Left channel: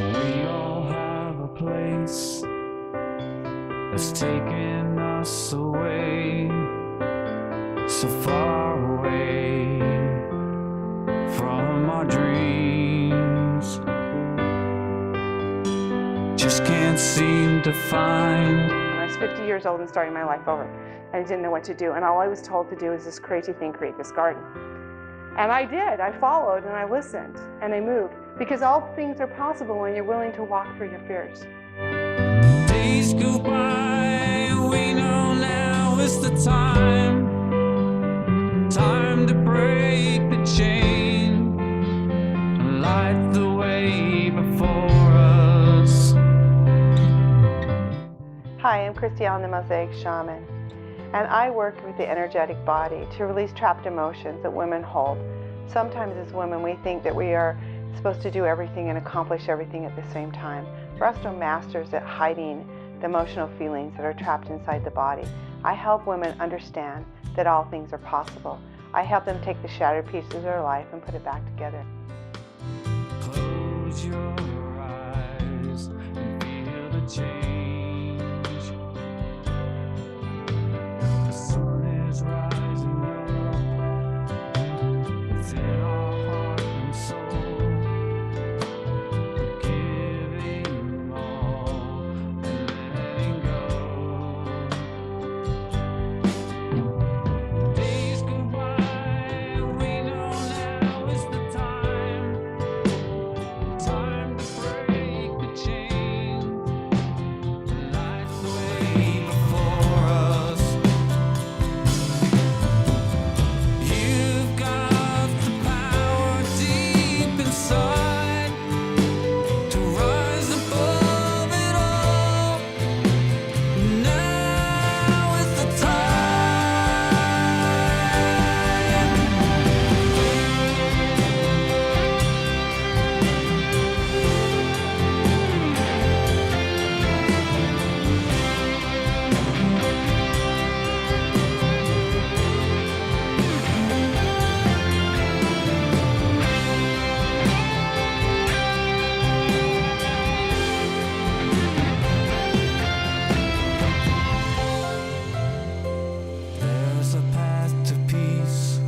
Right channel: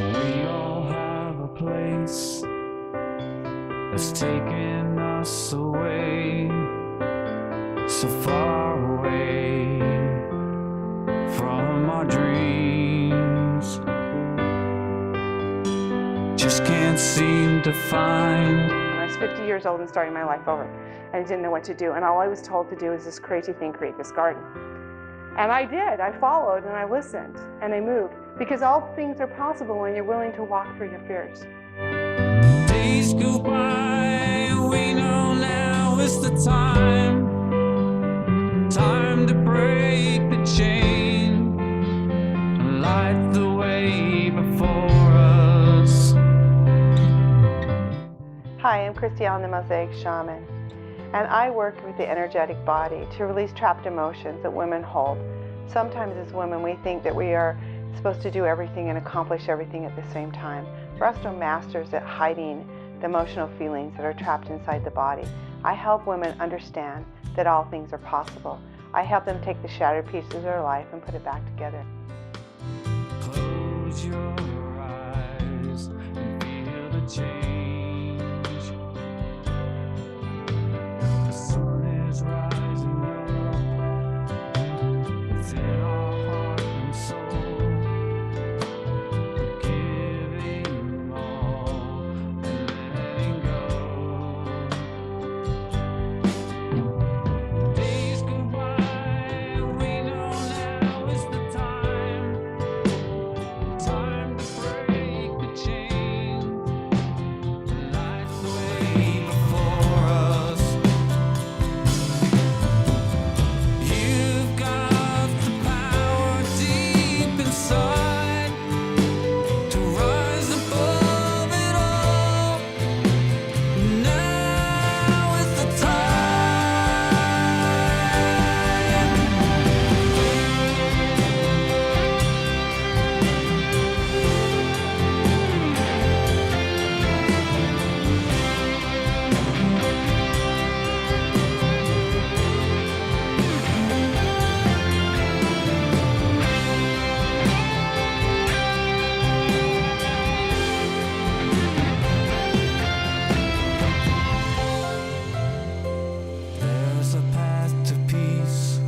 We all have a place that's taking us away, so far away from our dreams. Just can't seem to find. I was 50 years old and starting my life over, and I didn't know what to do, and all I was told to do is this crazy thing, create this garden. And I did. I followed and I listened and I moved, because all things are possible when you're willing to walk through your fears. Days go by, we know now is the time to break the chain, light the way before us. Hi, I'm Christy Allen, the Mosaic Shaman, and I work with the energetic body to release trapped emotions that women hold. Sometimes as women we think that we are supposed to do everything and accomplish everything at the same time. We're also masters at hiding the emotional feelings that are trapped inside the body. I help women understand that all things are possible. I help them take the shattered pieces of their life and put it back together. Close your eyes and feel the change. The sun is rising up within our heart and soul. Giving all and letting go. Days go by, we know now is the time to break the chain, light the way before us. You've got the power deep inside to rise above it all. Now is the time. There's a path to peace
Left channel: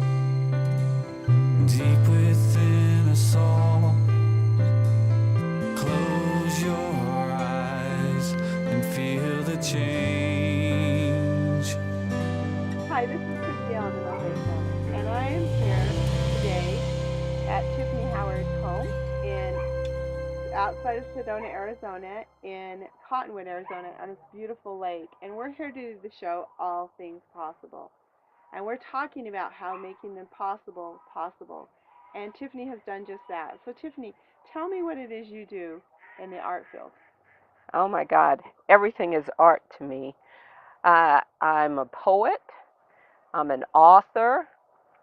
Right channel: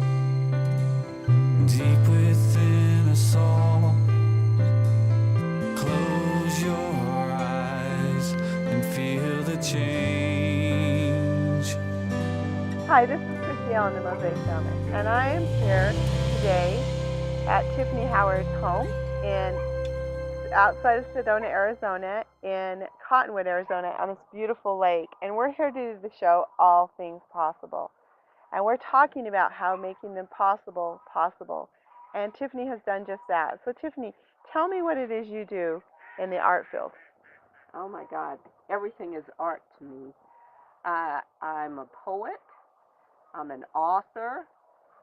deep within us all. Close your eyes and feel the change. Hi, this is Christy Allen, the Mosaic Shaman, and I am here today at Tyffany Howard's home outside of Sedona, Arizona, in Cottonwood, Arizona, on this beautiful lake. And we're here to do the show All Things Possible. And we're talking about how making them possible. And Tyffany has done just that. So Tyffany, tell me what it is you do in the art field. Oh my God, everything is art to me. I'm a poet, I'm an author,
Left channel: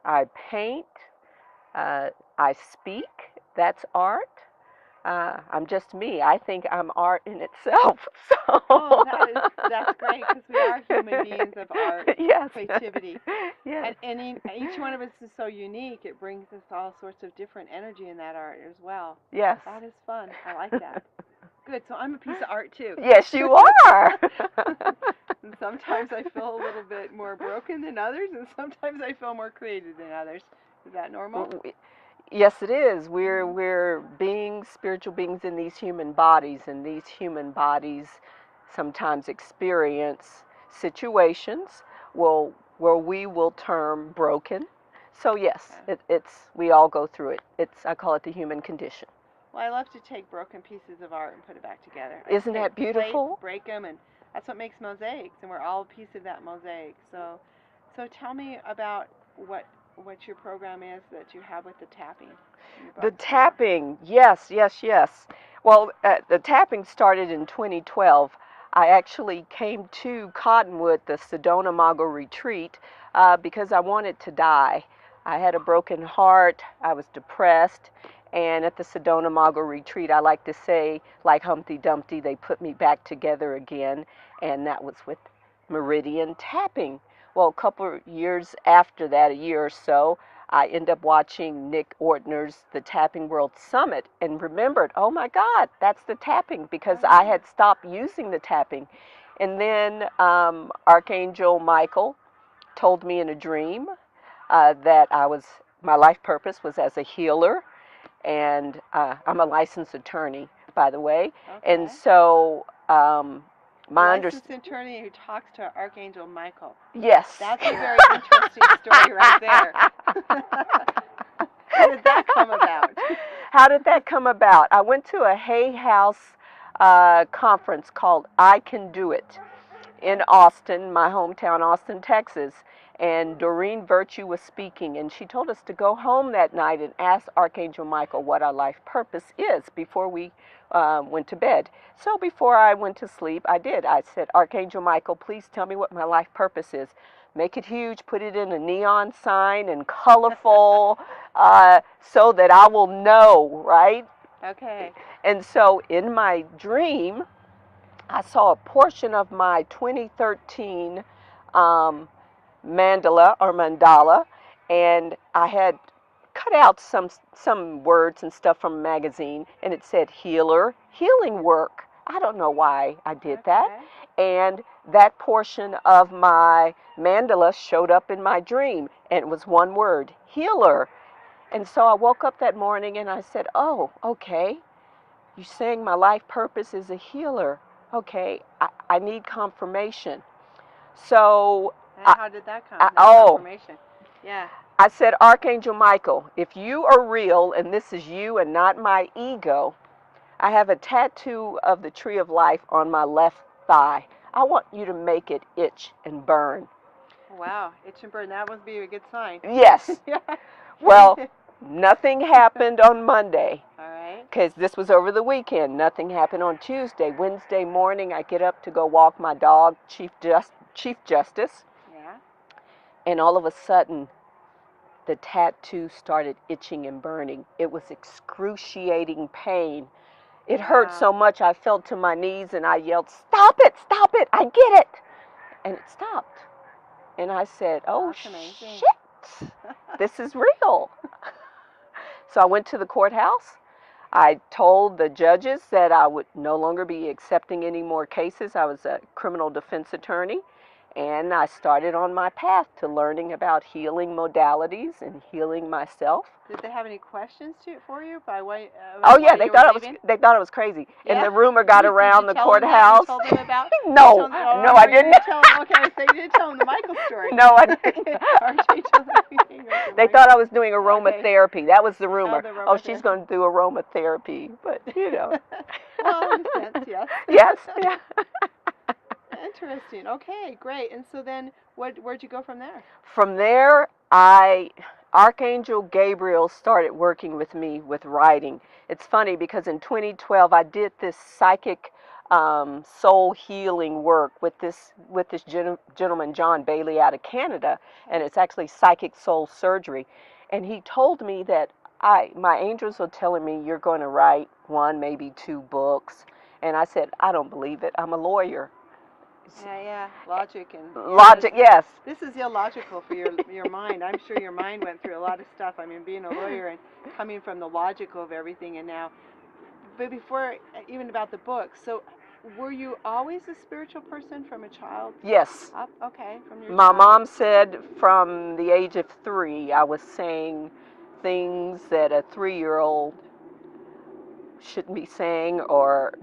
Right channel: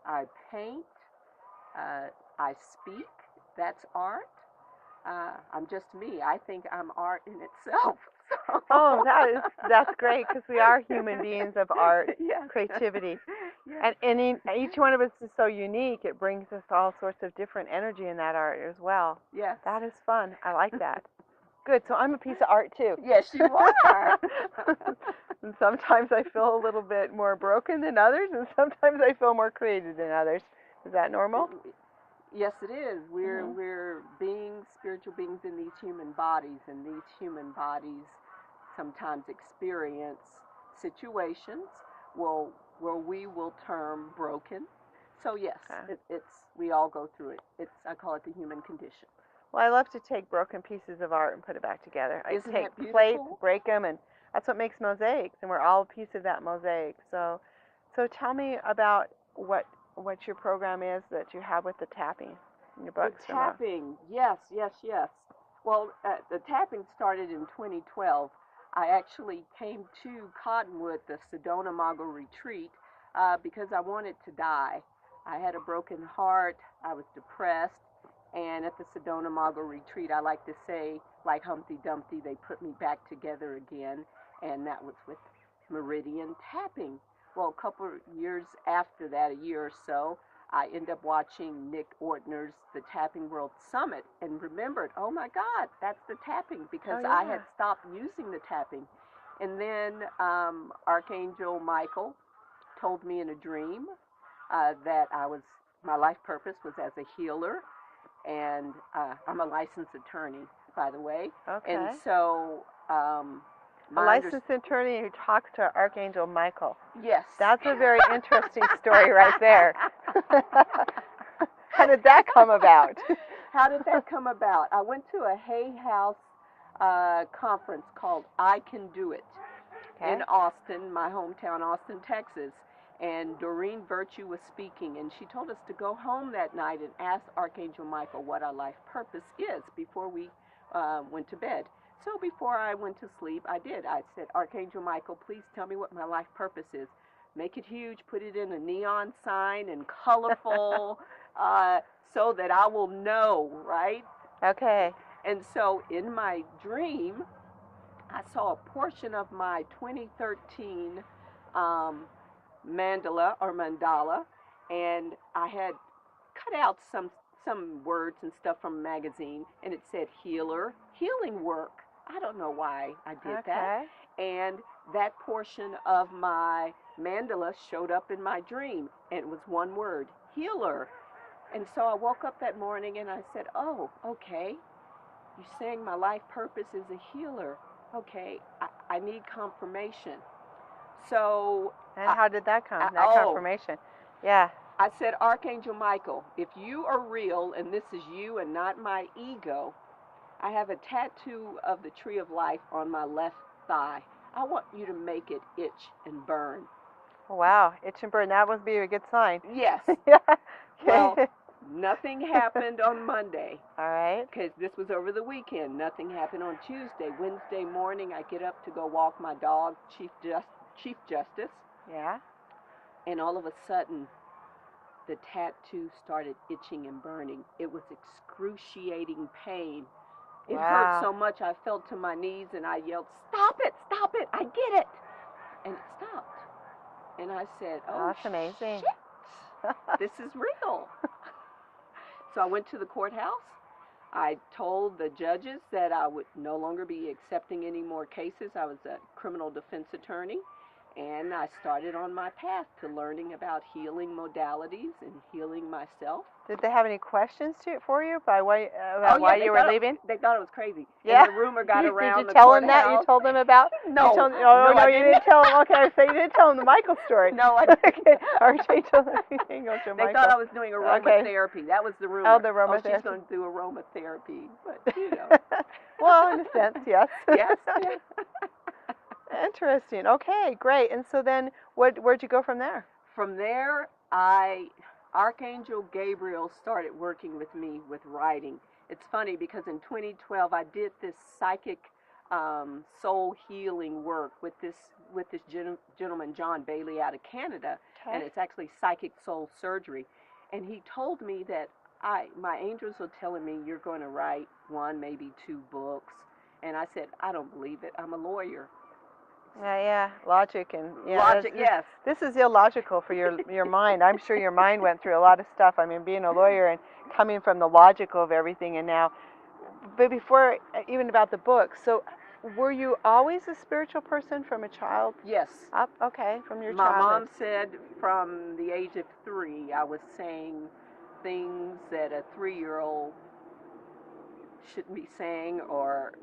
I paint, I speak, that's art. I'm just me. I think I'm art in itself. So. Oh, that's great, because we are human beings of art, Yes. creativity. Yes. And each one of us is so unique, it brings us all sorts of different energy in that art as well. Yes. That is fun. I like that. Good, so I'm a piece of art too. Yes, you are. And sometimes I feel a little bit more broken than others, and sometimes I feel more creative than others. Is that normal? Yes, it is. We're beings, spiritual beings in these human bodies, and these human bodies sometimes experience situations where we will term broken. So yes, Okay. we all go through it. I call it the human condition. Well, I love to take broken pieces of art and put it back together. Isn't that Plates, beautiful? break them, and that's what makes mosaics, and we're all a piece of that mosaic. So tell me about what your program is that you have with the tapping. The tapping, yes. Well, the tapping started in 2012. I actually came to Cottonwood, the Sedona Mago retreat, because I wanted to die. I had a broken heart, I was depressed, and at the Sedona Mago retreat, I like to say, like Humpty Dumpty, they put me back together again, and that was with meridian tapping. Well, a couple of years after that, a year or so, I ended up watching Nick Ortner's The Tapping World Summit and remembered, oh my God, that's the tapping, because I had stopped using the tapping. And then Archangel Michael told me in a dream that my life purpose was as a healer, and I'm a licensed attorney, by the way. Okay. And so my licensed attorney who talks to Archangel Michael. Yes. That's a very interesting story right there. How did that come about? How did that come about? I went to a Hay House conference called I Can Do It in Austin, my hometown, Austin, Texas. And Doreen Virtue was speaking, and she told us to go home that night and ask Archangel Michael what our life purpose is before we went to bed. So before I went to sleep, I did. I said, Archangel Michael, please tell me what my life purpose is. Make it huge, put it in a neon sign and colorful so that I will know, right? Okay. And so in my dream, I saw a portion of my 2013 mandala, and I had cut out some words and stuff from a magazine, and it said healer, healing work. I don't know why I did that. And that portion of my mandala showed up in my dream, and it was one word, healer. And so I woke up that morning and I said, oh, okay, you're saying my life purpose is a healer. Okay, I need confirmation. So and how did that come? Confirmation. Yeah. I said, Archangel Michael, if you are real and this is you and not my ego, I have a tattoo of the tree of life on my left thigh. I want you to make it itch and burn. Wow, itch and burn. That must be a good sign. Yes. Well, nothing happened on Monday. All right. Because this was over the weekend. Nothing happened on Tuesday. Wednesday morning, I get up to go walk my dog, Chief Justice. Yeah. And all of a sudden, the tattoo started itching and burning. It was excruciating pain. It hurt so much I fell to my knees and I yelled, stop it, I get it. And it stopped. And I said, oh, that's amazing. Shit, this is real. So I went to the courthouse. I told the judges that I would no longer be accepting any more cases. I was a criminal defense attorney. And I started on my path to learning about healing modalities and healing myself. Did they have any questions for you? They thought I was crazy. Yeah? And the rumor got around the You courthouse. told them about? No, I didn't. Okay, so you didn't tell them the Michael story. No, I didn't. They Michael. thought I was doing aromatherapy. That was the rumor. Oh, she's going to do aromatherapy. But, you know. Well, in a sense, yes. Yes. Interesting. Okay, great. And so then, where'd you go from there? From there, Archangel Gabriel started working with me with writing. It's funny because in 2012 I did this psychic soul healing work with this gentleman John Bailey out of Canada, and it's actually psychic soul surgery. And he told me that my angels are telling me you're going to write 1, maybe 2 books, and I said I don't believe it. I'm a lawyer. Yeah, logic and logic. Yes. This is illogical for your mind. I'm sure your mind went through a lot of stuff. I mean, being a lawyer and coming from the logical of everything, and now. But before even about the book, so were you always a spiritual person from a child? Yes. Okay, from your. My mom said from the age of 3, I was saying things that a 3-year-old shouldn't be saying, or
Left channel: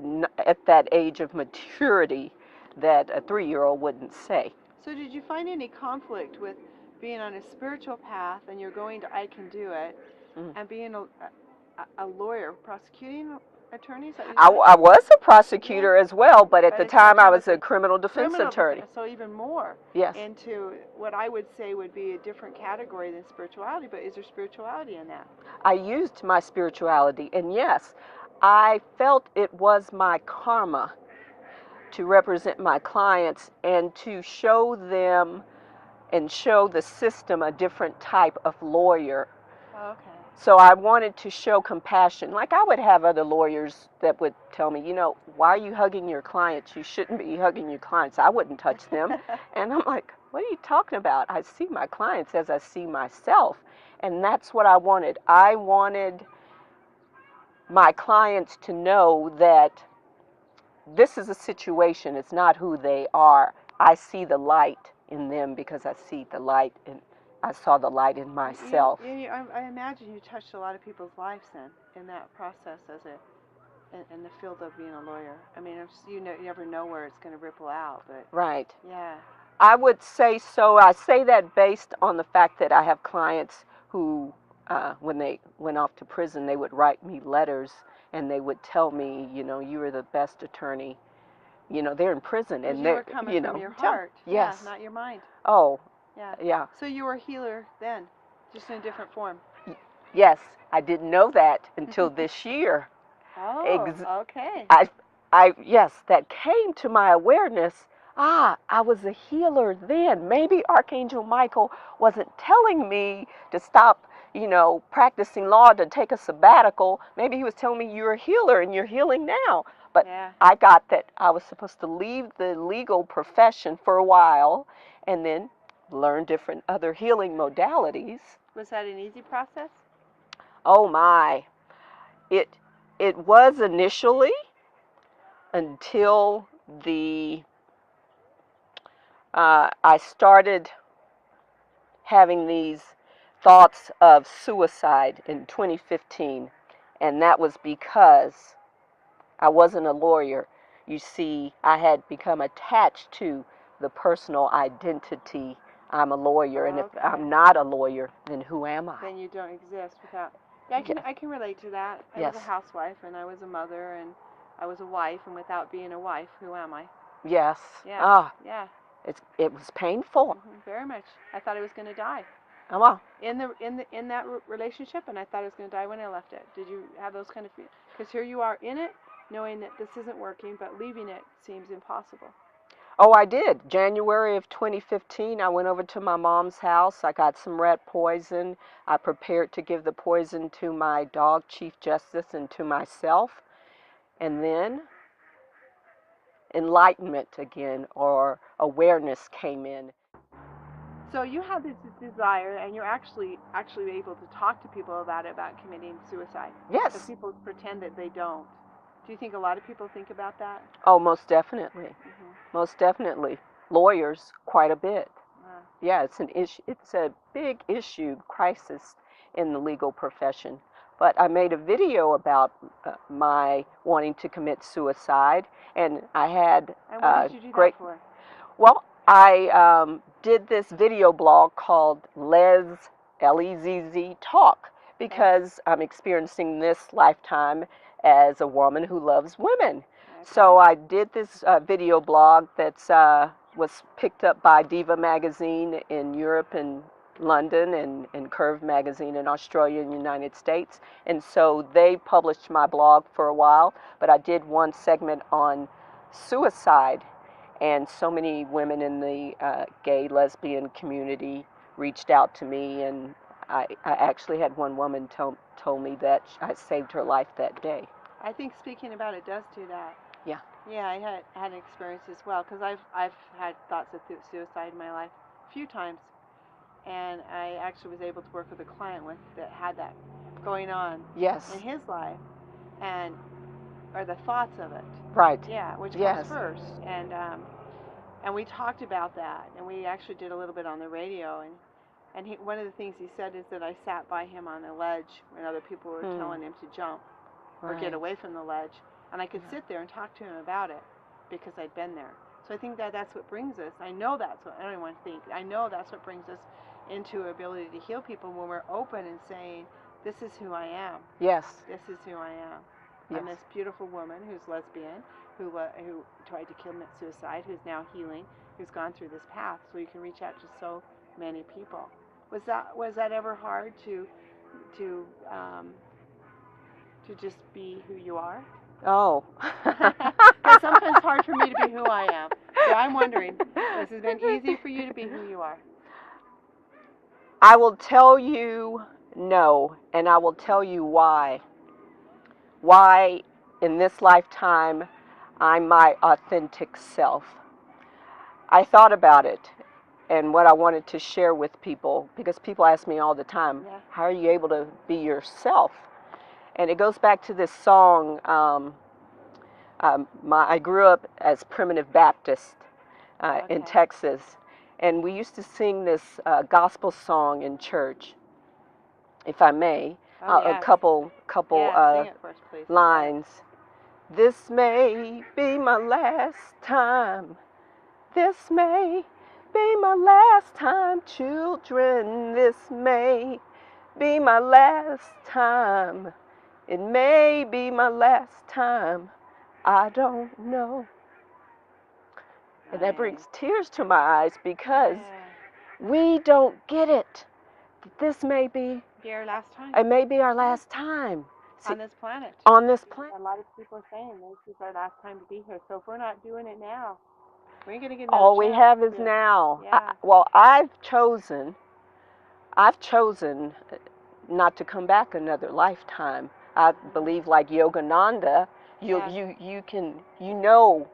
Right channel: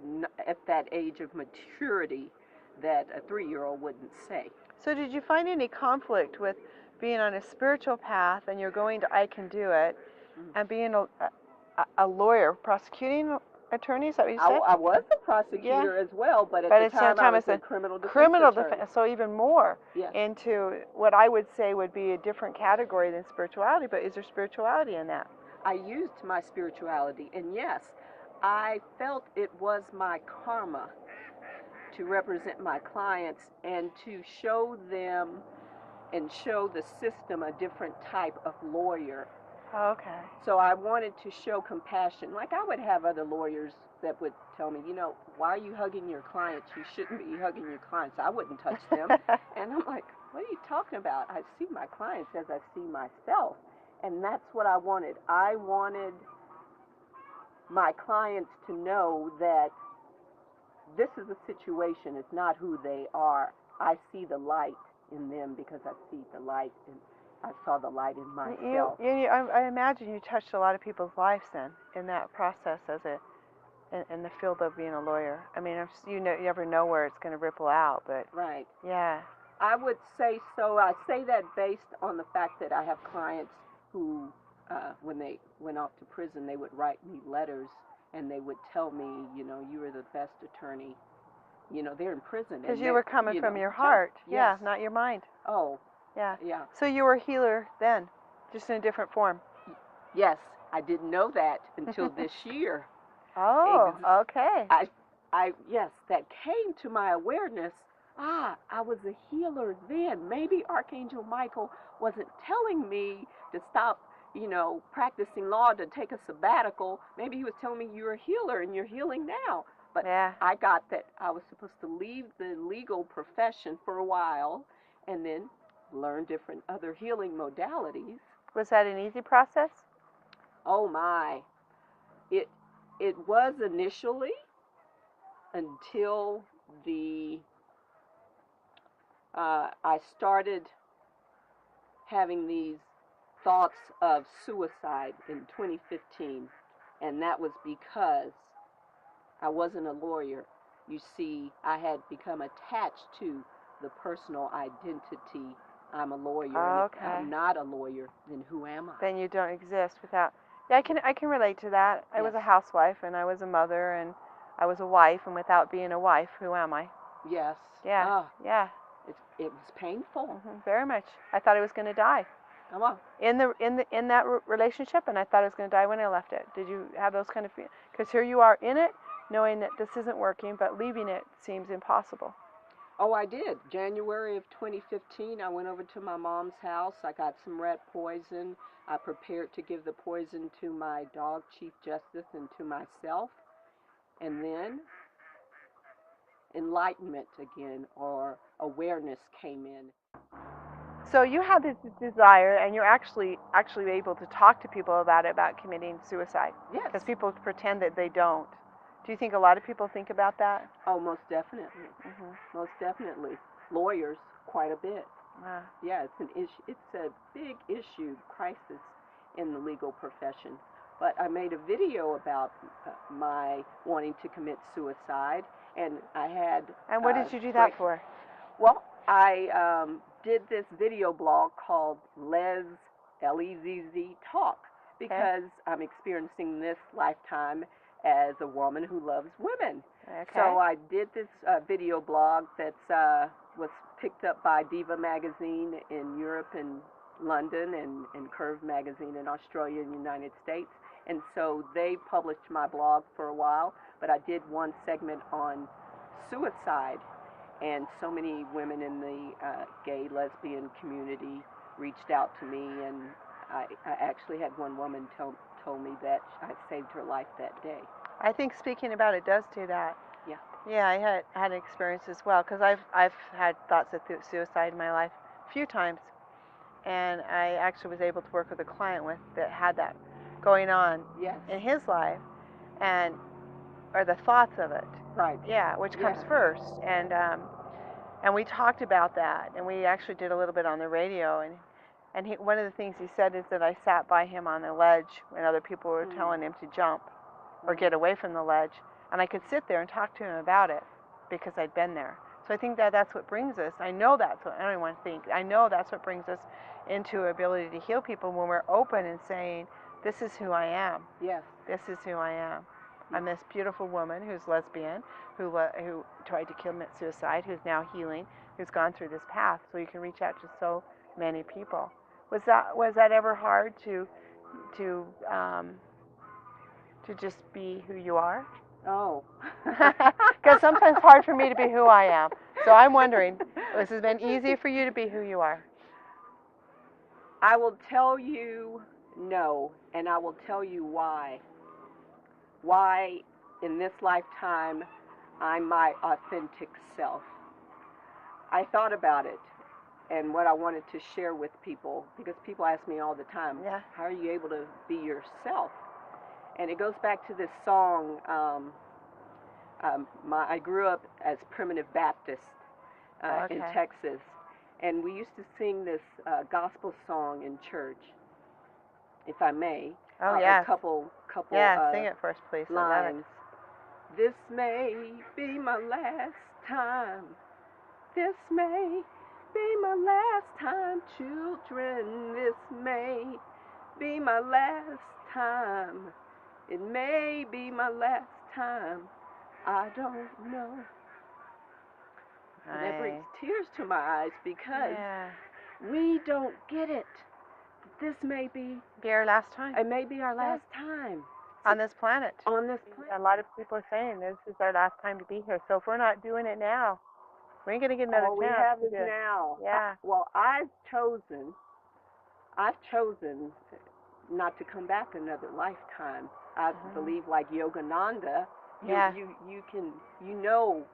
at that age of maturity that a 3-year-old wouldn't say. So did you find any conflict with being on a spiritual path and you're going to I Can Do It and being a lawyer, prosecuting attorney? Is that what you said? I was a prosecutor as well, but at the time I was a criminal defense attorney. So even more yes. into what I would say would be a different category than spirituality, but is there spirituality in that? I used my spirituality, and yes, I felt it was my karma to represent my clients and to show them and show the system a different type of lawyer. Okay. So I wanted to show compassion. Like I would have other lawyers that would tell me, why are you hugging your clients? You shouldn't be hugging your clients. I wouldn't touch them. And I'm like, what are you talking about? I see my clients as I see myself. And that's what I wanted. I wanted my clients to know that this is a situation. It's not who they are. I see the light in them because I see the light in, I saw the light in myself. I imagine you touched a lot of people's lives then in that process in the field of being a lawyer. I mean, you never know where it's going to ripple out, but Right. yeah. I would say so. I say that based on the fact that I have clients who, when they went off to prison, they would write me letters and they would tell me, you were the best attorney. They're in prison. Because And you were coming from your heart. Yes. Yeah, not your mind. Oh. Yeah. Yeah. So you were a healer then, just in a different form. Yes. I didn't know that until this year. Oh, okay. Yes, that came to my awareness. I was a healer then. Maybe Archangel Michael wasn't telling me to stop, practicing law, to take a sabbatical. Maybe he was telling me you're a healer and you're healing now. But yeah. I got that I was supposed to leave the legal profession for a while and then learn different other healing modalities. Was that an easy process? Oh my. It was initially, until I started having these thoughts of suicide in 2015, and that was because I wasn't a lawyer. You see, I had become attached to the personal identity. I'm a lawyer, and if I'm not a lawyer, then who am I? Then you don't exist without. Yeah, I can relate to that. I was a housewife, and I was a mother, and I was a wife, and without being a wife, who am I? Yes. Yeah. Yeah. It was painful. Very much. I thought I was going to die. Oh, wow. In that relationship, and I thought I was going to die when I left it. Did you have those kind of feelings? Because here you are in it, knowing that this isn't working, but leaving it seems impossible. Oh, I did. January of 2015, I went over to my mom's house. I got some rat poison. I prepared to give the poison to my dog, Chief Justice, and to myself. And then enlightenment again, or awareness, came in. So you have this desire, and you're actually able to talk to people about committing suicide. Yes. Because people pretend that they don't. Do you think a lot of people think about that? Oh, most definitely. Most definitely. Lawyers, quite a bit. Yeah, it's an issue. It's a big issue, crisis in the legal profession. But I made a video about my wanting to commit suicide, and I had. And what did you do that for? Well, I did this video blog called Lezz Talk, because I'm experiencing this lifetime as a woman who loves women. Okay. So I did this video blog that's was picked up by Diva magazine in Europe and London, and Curve magazine in Australia and United States. And so they published my blog for a while, but I did one segment on suicide, and so many women in the gay, lesbian community reached out to me, and I actually had one woman told me that I saved her life that day. I think speaking about it does do that. Yeah. Yeah, I had an experience as well, because I've had thoughts of suicide in my life a few times, and I actually was able to work with a client that had that going on. Yes. In his life, or the thoughts of it. Right. Yeah, which comes first, and we talked about that, and we actually did a little bit on the radio, and one of the things he said is that I sat by him on the ledge when other people were telling him to jump or get away from the ledge, and I could sit there and talk to him about it because I'd been there. So I think that's what brings us. I know that's what everyone thinks. I know that's what brings us into ability to heal people, when we're open and saying, "This is who I am." Yes. This is who I am. Yes. I'm this beautiful woman who's lesbian, who tried to commit suicide, who's now healing, who's gone through this path. So you can reach out to so many people. Was that ever hard to just be who you are? Oh. Because sometimes it's hard for me to be who I am. So I'm wondering, has it been easy for you to be who you are? I will tell you no, and I will tell you why. Why in this lifetime I'm my authentic self. I thought about it. and what I wanted to share with people, because people ask me all the time, Yeah. how are you able to be yourself? And it goes back to this song. I grew up as Primitive Baptist in Okay. Texas, and we used to sing this gospel song in church, if I may. Oh, A yes. couple Yeah, sing it first, please. lines. This may be my last time. This may be my last time, children. This may be my last time. It may be my last time. I don't know. And that brings tears to my eyes because we don't get it. This may be our last time. It may be our last time. On this planet. On this planet. A lot of people are saying this is our last time to be here. So if we're not doing it now, we ain't gonna get another All we chance have to is do it. now. Yeah. Well, I've chosen not to come back another lifetime. I believe, like Yogananda, you know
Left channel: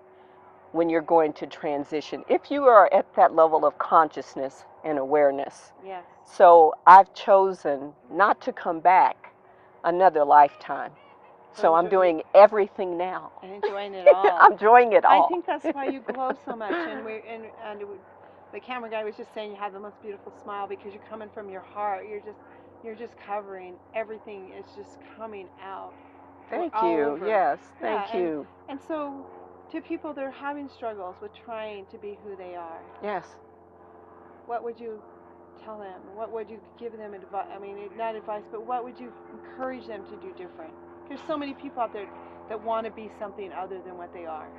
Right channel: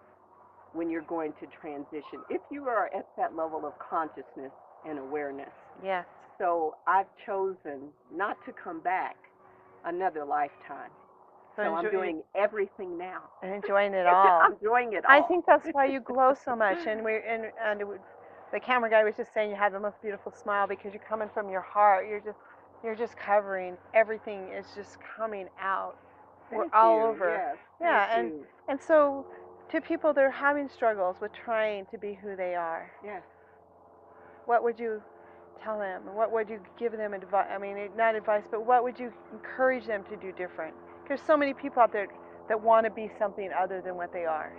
when you're going to transition, if you are at that level of consciousness and awareness. Yes. So I've chosen not to come back another lifetime. So I'm doing everything now. And enjoying it all. I'm enjoying it all. I think that's why you glow so much. And the camera guy was just saying you have the most beautiful smile because you're coming from your heart. You're just covering everything. Is just coming out. Thank all you. over. Yes. Thank you. And so, to people that are having struggles with trying to be who they are. Yes. What would you tell them? What would you give them advice? I mean, not advice, but what would you encourage them to do different? There's so many people out there that want to be something other than what they are.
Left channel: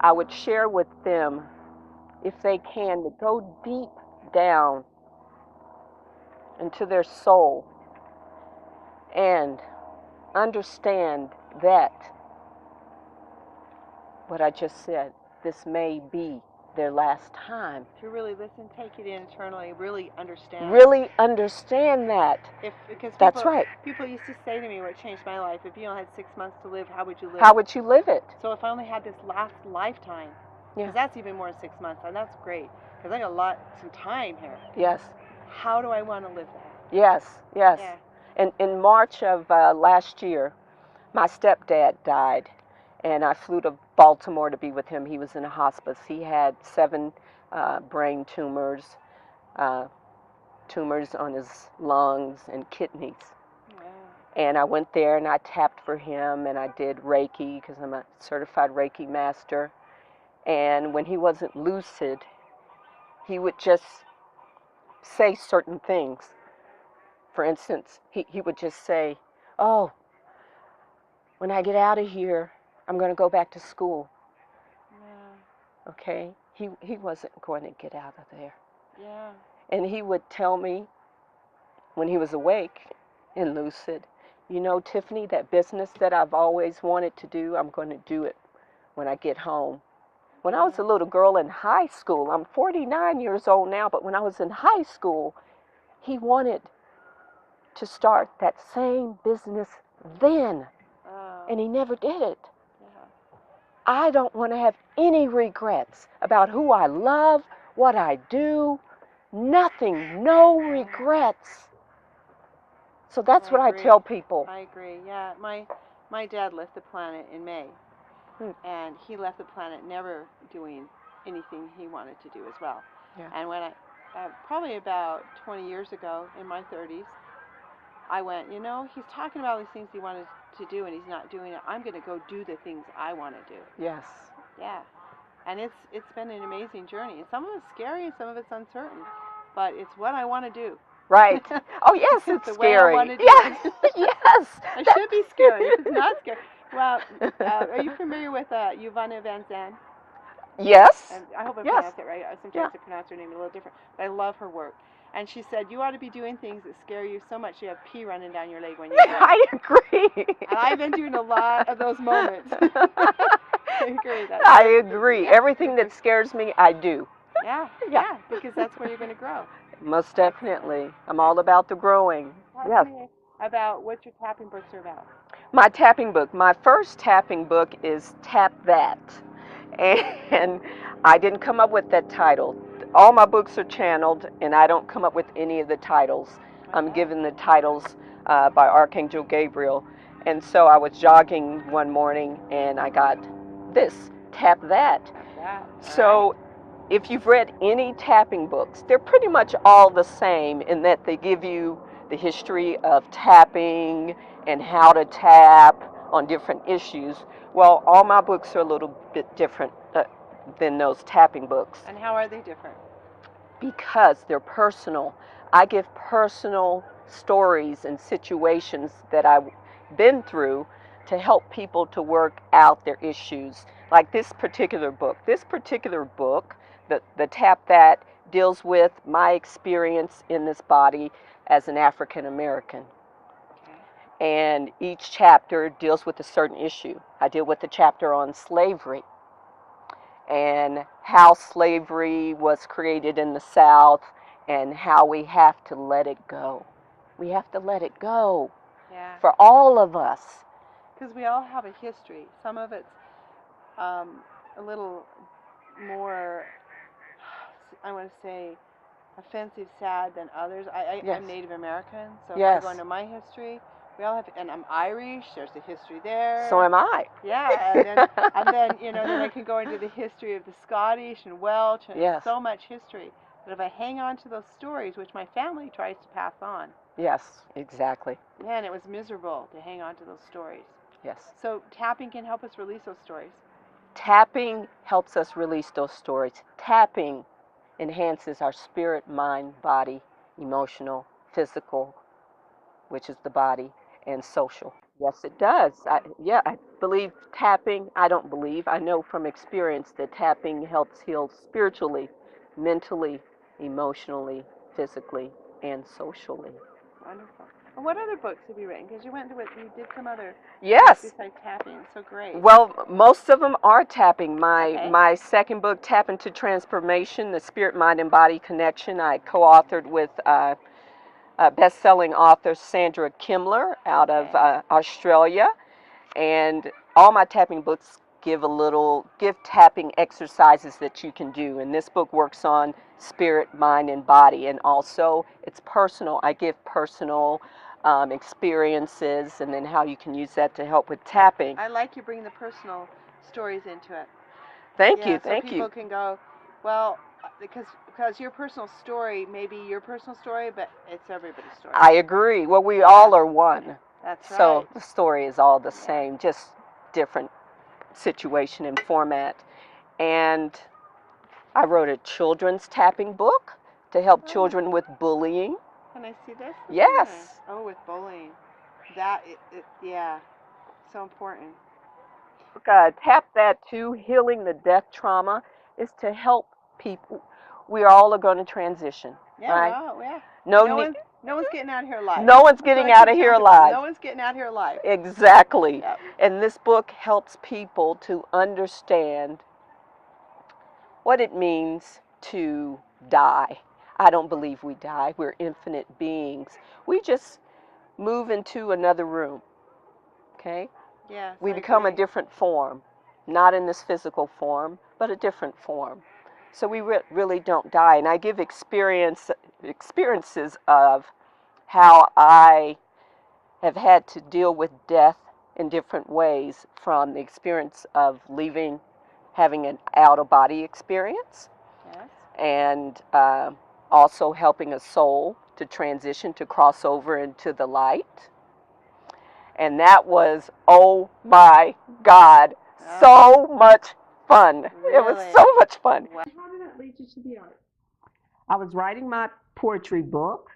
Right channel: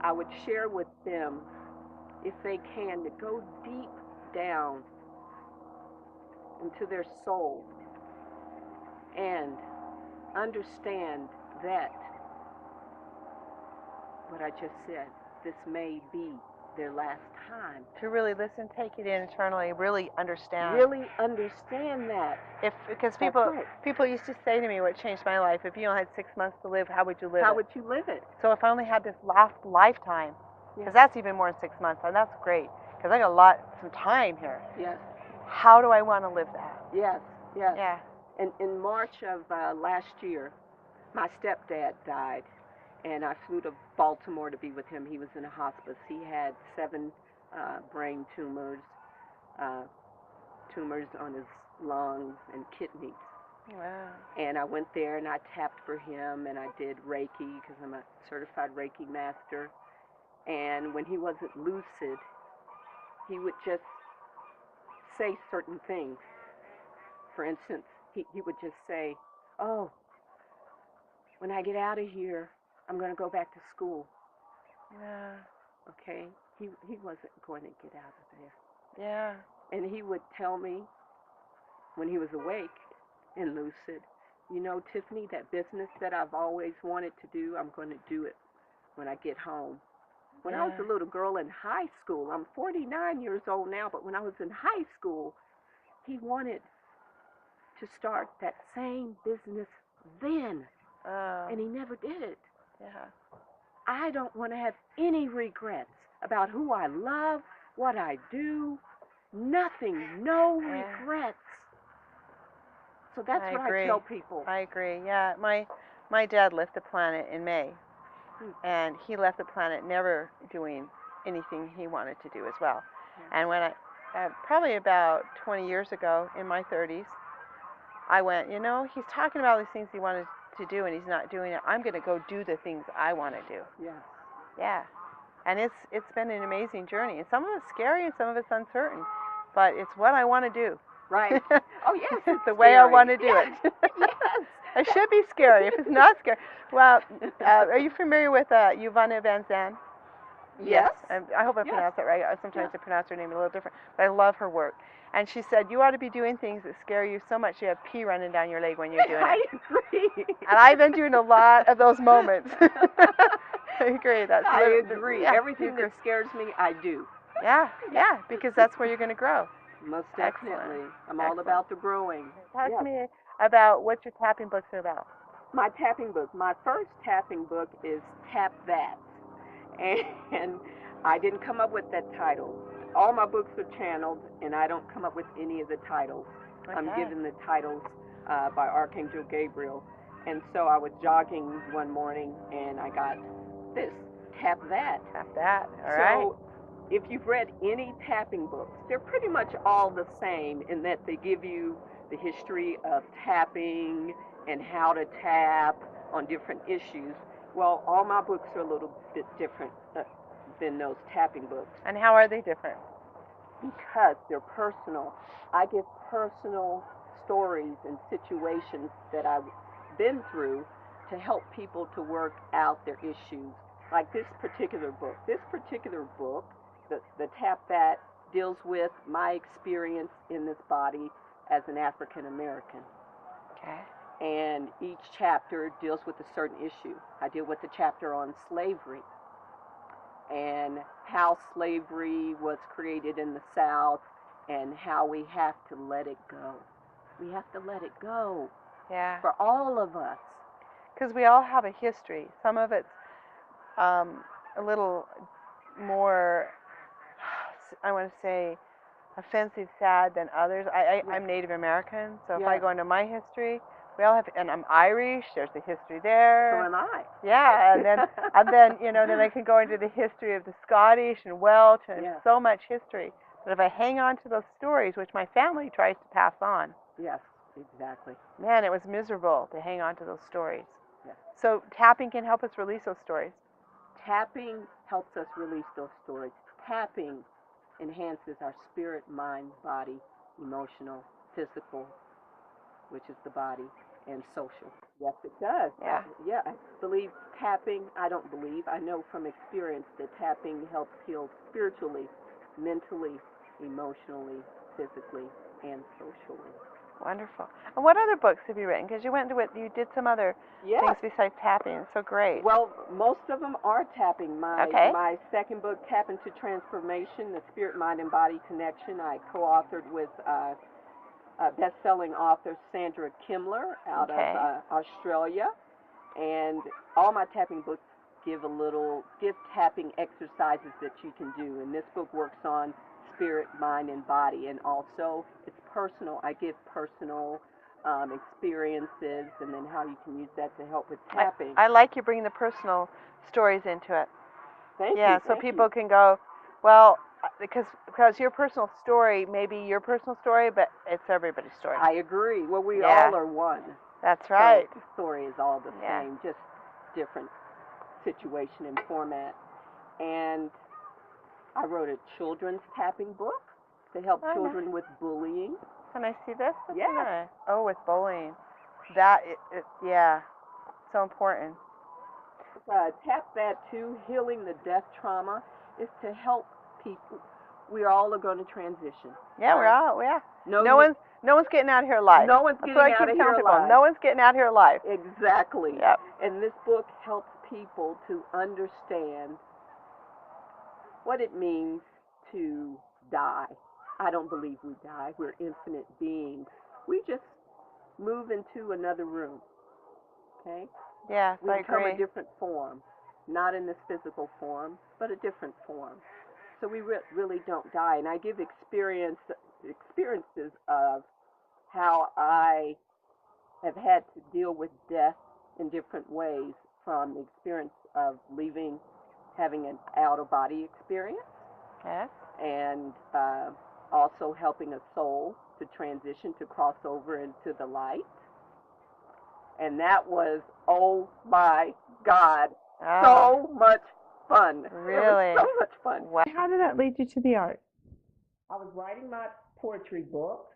I would share with them, if they can, to go deep down into their soul and understand that what I just said, this may be their last time. To really listen, take it in internally, really understand. Really understand that. That's right. People used to say to me, what changed my life, if you only had 6 months to live, how would you live How it? would you live it? So if I only had this last lifetime, because that's even more than 6 months, and that's great, because I got some time here. Yes. How do I want to live that? Yes, yes. Yeah. And in March of last year, my stepdad died, and I flew to Baltimore to be with him. He was in a hospice. He had 7 brain tumors, tumors on his lungs and kidneys. Wow. And I went there and I tapped for him and I did Reiki because I'm a certified Reiki master. And when he wasn't lucid, he would just say certain things. For instance, he would just say, oh, when I get out of here, I'm going to go back to school. Yeah. Okay? He wasn't going to get out of there. Yeah. And he would tell me when he was awake and lucid, you know, Tyffany, that business that I've always wanted to do, I'm going to do it when I get home. When I was a little girl in high school, I'm 49 years old now, but when I was in high school, he wanted to start that same business then. And he never did it. Yeah. I don't want to have any regrets about who I love, what I do, nothing, no regrets. So that's what I tell people. I agree. Yeah, my dad left the planet in May, and he left the planet never doing anything he wanted to do as well. Yeah. And when probably about 20 years ago, in my 30s, I went, you know, he's talking about all these things he wanted to do, and he's not doing it. I'm going to go do the things I want to do. Yes. Yeah. And it's been an amazing journey, and some of it's scary, and some of it's uncertain, but it's what I want to do. Right. Oh, yes, it's the scary. way I want to do it. Yes. It should be scary. If it's not scary. Well, are you familiar with Yvonne Van Zandt? Yes. I hope I pronounced it right. Sometimes I pronounce her name a little different, but I love her work. And she said, you ought to be doing things that scare you so much you have pee running down your leg when you're doing it. I agree. And I've been doing a lot of those moments. I agree. I agree. Everything that scares me, I do. Yeah, because that's where you're going to grow. Most definitely. I'm all about the growing. Talk to me about what your tapping books are about. My tapping book. My first tapping book is Tap That. And I didn't come up with that title. all my books are channeled, and I don't come up with any of the titles. I'm given the titles by Archangel Gabriel. And so I was jogging one morning, and I got this, tap that. Tap that. So if you've read any tapping books, they're pretty much all the same in that they give you the history of tapping and how to tap on different issues. Well, all my books are a little bit different than those tapping books. And how are they different? Because they're personal. I give personal stories and situations that I've been through to help people to work out their issues. Like this particular book. The Tap That, deals with my experience in this body as an African American. Okay. And each chapter deals with a certain issue. I deal with the chapter on slavery and how slavery was created in the South and how we have to let it go. We have to let it go. Yeah. For all of us. Because we all have a history. Some of it's a little more, I want to say, offensive, sad than others. I'm Native American, so if I go into my history, we all have, and I'm Irish. There's a history there. So am I. Yeah, and then then I can go into the history of the Scottish and Welsh, and so much history. But if I hang on to those stories, which my family tries to pass on. Yes, exactly. Man, it was miserable to hang on to those stories. Yes. So tapping can help us release those stories. Tapping helps us release those stories. Tapping enhances our spirit, mind, body, emotional, physical, which is the body, and social. Yes, it does. I believe tapping, I know from experience that tapping helps heal spiritually, mentally, emotionally, physically, and socially. Wonderful. And what other books have you written? Because you did some other Yes. things besides tapping. It's so great. Well, most of them are tapping. My second book, Tap into Transformation, The Spirit, Mind, and Body Connection, I co-authored with best-selling author Sandra Kimler out of Australia. And all my tapping books give tapping exercises that you can do. And this book works on spirit, mind, and body. And also, it's personal. I give personal experiences, and then how you can use that to help with tapping. I like you bringing the personal stories into it. Thank you. So people can go, well, because your personal story may be your personal story, but it's everybody's story. I agree. Well, we all are one. That's right. So the story is all the same, just different situation and format. And I wrote a children's tapping book to help children with bullying. Can I see this? Yes. Oh, with bullying. So important. Tap That too, healing the death trauma, is to help people. We all are going to transition. Yeah, No one's getting out of here alive. No one's getting out of here alive. No one's getting out of here alive. Exactly. Yep. And this book helps people to understand what it means to die. I don't believe we die. We're infinite beings. We just move into another room. Okay? Yes, we become a different form. Not in this physical form, but a different form. So we really don't die. And I give experiences of how I have had to deal with death in different ways, from the experience of having an out-of-body experience. Yes. And also helping a soul to transition, to cross over into the light. And that was, oh my God, so much fun. Really? It was so much fun. Wow. How did that lead you to the art? I was writing my poetry book,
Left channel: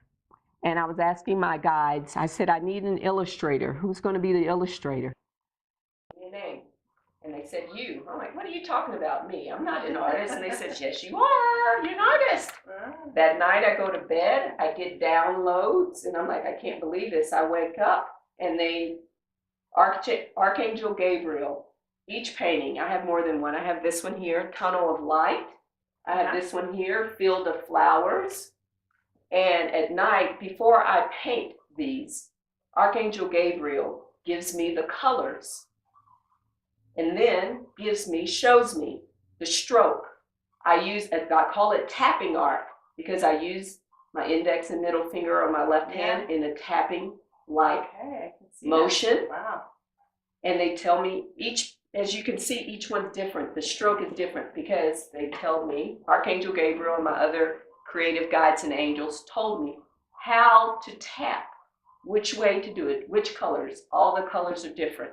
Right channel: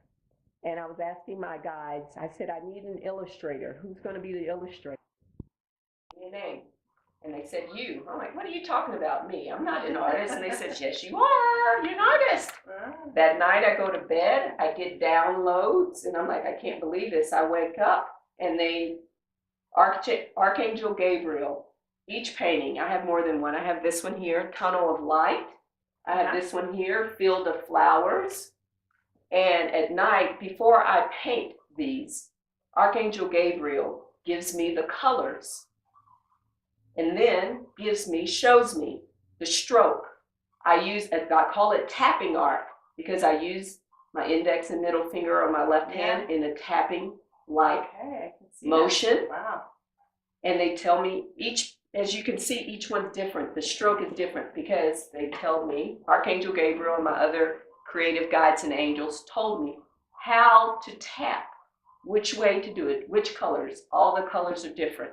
and I was asking my guides, I said, I need an illustrator. Who's going to be the illustrator? Your name. And they said, you. I'm like, what are you talking about, me? I'm not an artist. And they said, yes, you are. You're an artist. That night I go to bed, I get downloads, and I'm like, I can't believe this. I wake up, and Archangel Gabriel, each painting, I have more than one. I have this one here, Tunnel of Light. I have this one here, Field of Flowers. And at night, before I paint these, Archangel Gabriel gives me the colors, and then shows me the stroke. I call it tapping art because I use my index and middle finger on my left hand in a tapping like motion. Wow. And they tell me as you can see, each one's different. The stroke is different because they tell me, Archangel Gabriel and my other creative guides and angels told me how to tap, which way to do it, which colors. All the colors are different.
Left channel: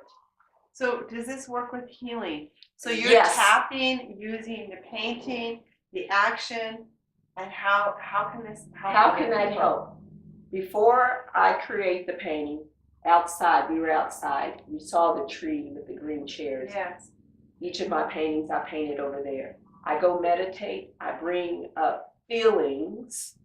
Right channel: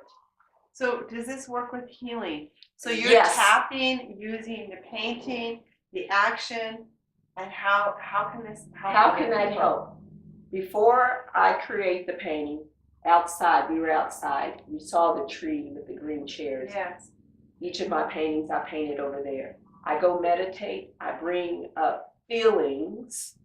So does this work with healing? So you're tapping using the painting, the action, and how can this help? How can that help? Before I create the painting, we were outside. You saw the tree with the green chairs. Yes. Each of my paintings I painted over there. I go meditate. I bring up feelings.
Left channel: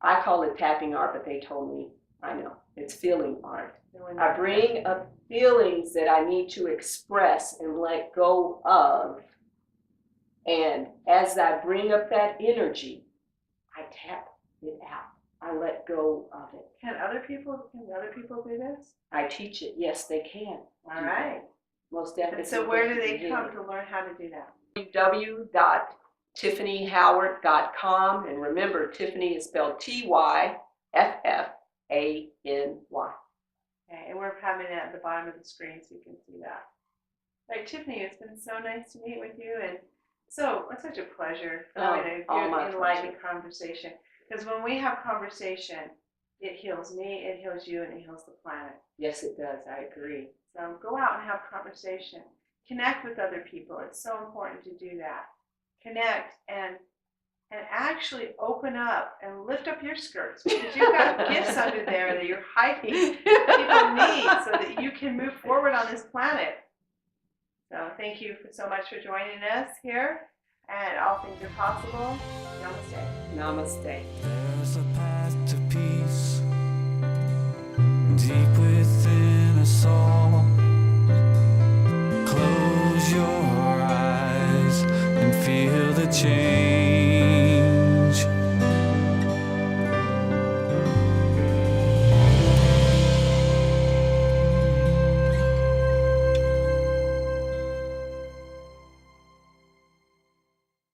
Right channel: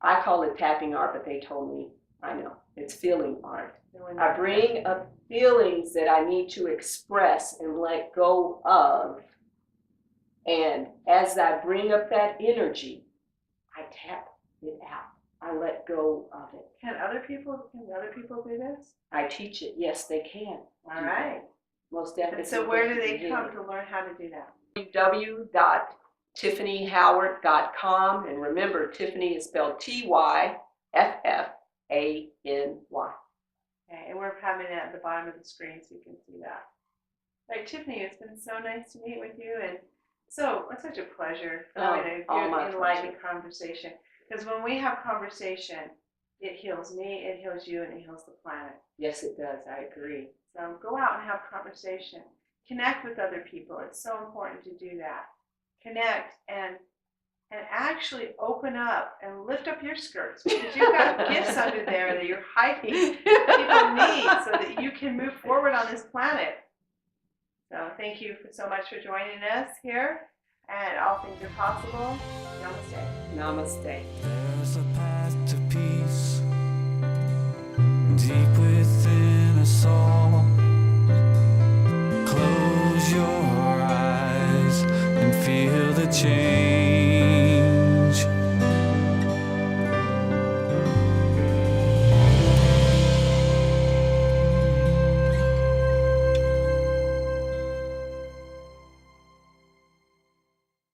I call it tapping art, but they told me, I know, it's feeling art. I bring up feelings that I need to express and let go of. And as I bring up that energy, I tap it out. I let go of it. Can other people do this? I teach it. Yes, they can. All right. Most definitely. And so where do they come to learn how to do that? www.tyffanyhoward.com. And remember, Tyffany is spelled Tyffany. Okay, and we're having it at the bottom of the screen so you can see that. All right, Tyffany, it's been so nice to meet with you, and it's such a pleasure having a good, enlightening conversation. Because when we have conversation, it heals me, it heals you, and it heals the planet. Yes, it does. I agree. So go out and have conversation. Connect with other people. It's so important to do that. Connect and actually open up and lift up your skirts, because you've got gifts under there that you're hiding people need so that you can move forward on this planet. So thank you so much for joining us here, and all things are possible. Namaste. Namaste. There's a path to peace deep within us all. Close your eyes and feel the change.